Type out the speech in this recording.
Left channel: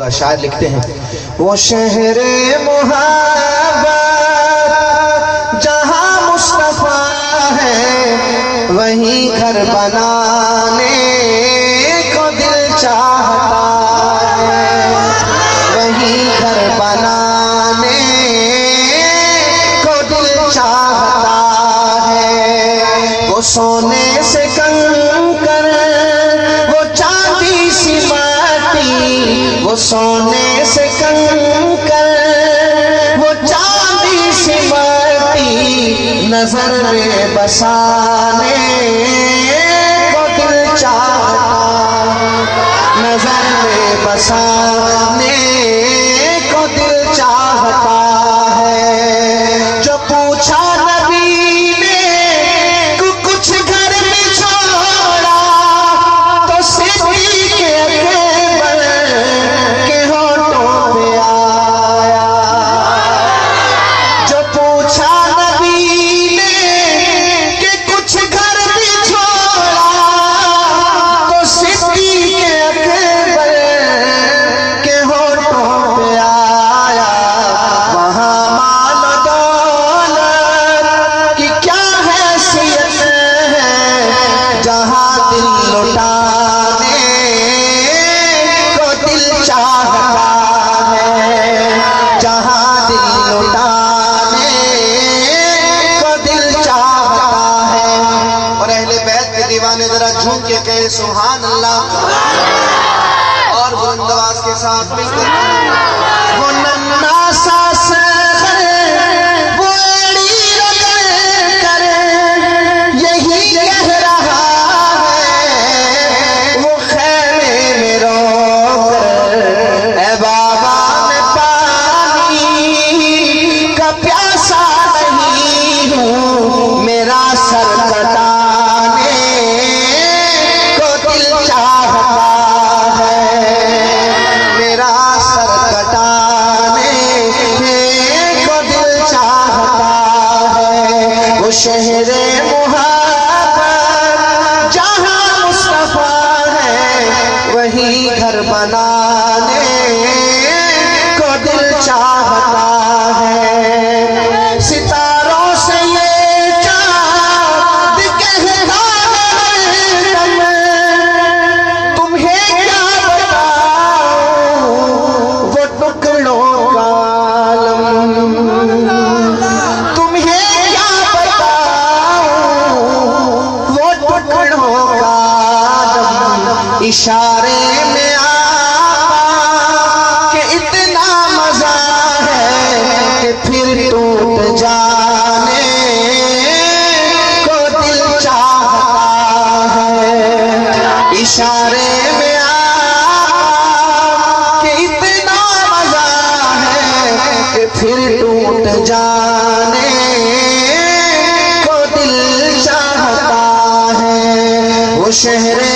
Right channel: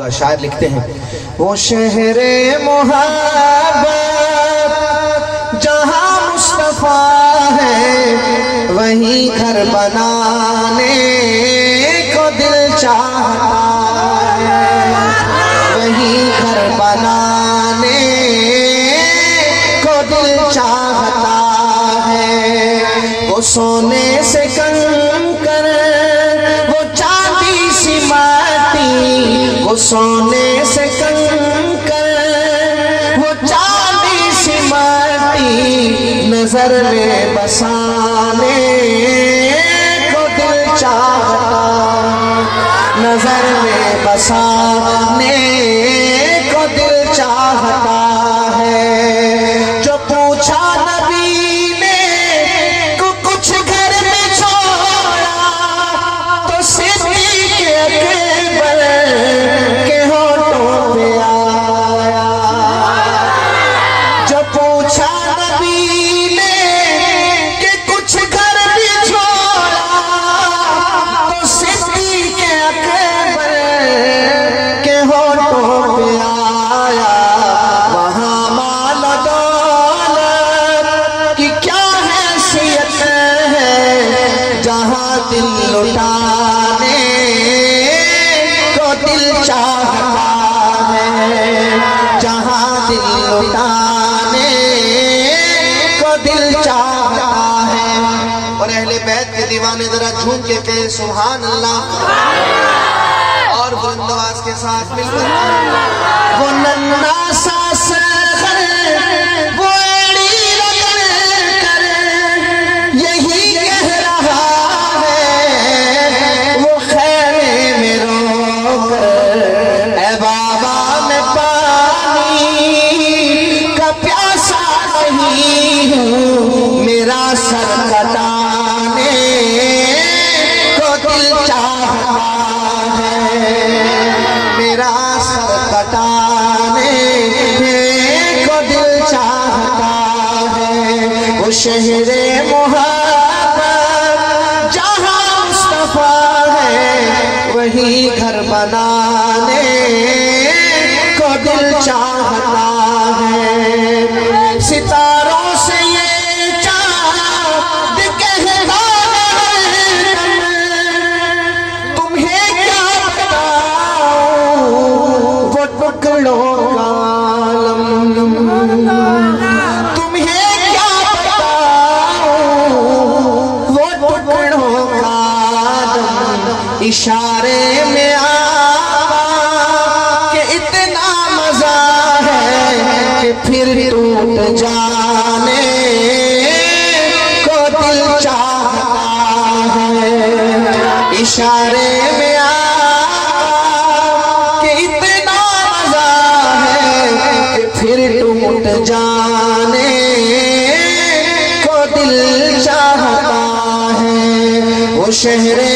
शायर लिखते हैं, वो शहरे मोहब्बत जहाँ मुस्तफा है, वहीं घर बनाने को दिल चाहता है, वहीं घर बनाने को दिल चाहता है। वो सोने से कंकर, वो चांदी सी माटी, वो सोने से कंकर, वो चांदी सी माटी, नजर में बसाने को दिल चाहता, नजर में बसाने को दिल चाहता है। जो पूछा नबी ने कुछ घर में छोड़ा, तो सिद्दीक़ अकबर के होठों पे आया। जो पूछा नबी ने कि कुछ घर भी छोड़ा, तो सिद्दीक़ अकबर के होठों पे आया। वहाँ माल दौलत की क्या हैसियत है, जहाँ दिल लुटाने को दिल चाहता है, जहाँ दिल लुटाने को दिल चाहता है। और अहले बैत के दीवाने जरा झूम के कहे सुभान अल्लाह, और बुलंद आवाज के साथ मिलकर वो नन्ना सा सर, वो एड़ी रगड़ कर यही कह रहा है, वो खैमे में रोकर, ऐ बाबा मैं पानी का प्यासा नहीं हूँ, मेरा सर कटाने को दिल चाहता है, मेरा सर कटाने को दिल चाहता है। वो शहरे मोहब्बत जहाँ मुस्तफा है, वहीं घर बनाने को दिल चाहता है। सितारों से ये चाँद कहता है तुम्हें क्या बताऊं, वो टुकड़ों का आलम, तुम्हें क्या बताऊं, वो टुकड़ों का आलम। इशारे में आपा के इतना मजा है कि फिर टूट जाने को दिल चाहता है। इशारे में आपा के इतना मजा है कि फिर टूट जाने को दिल चाहता है। वो शहरे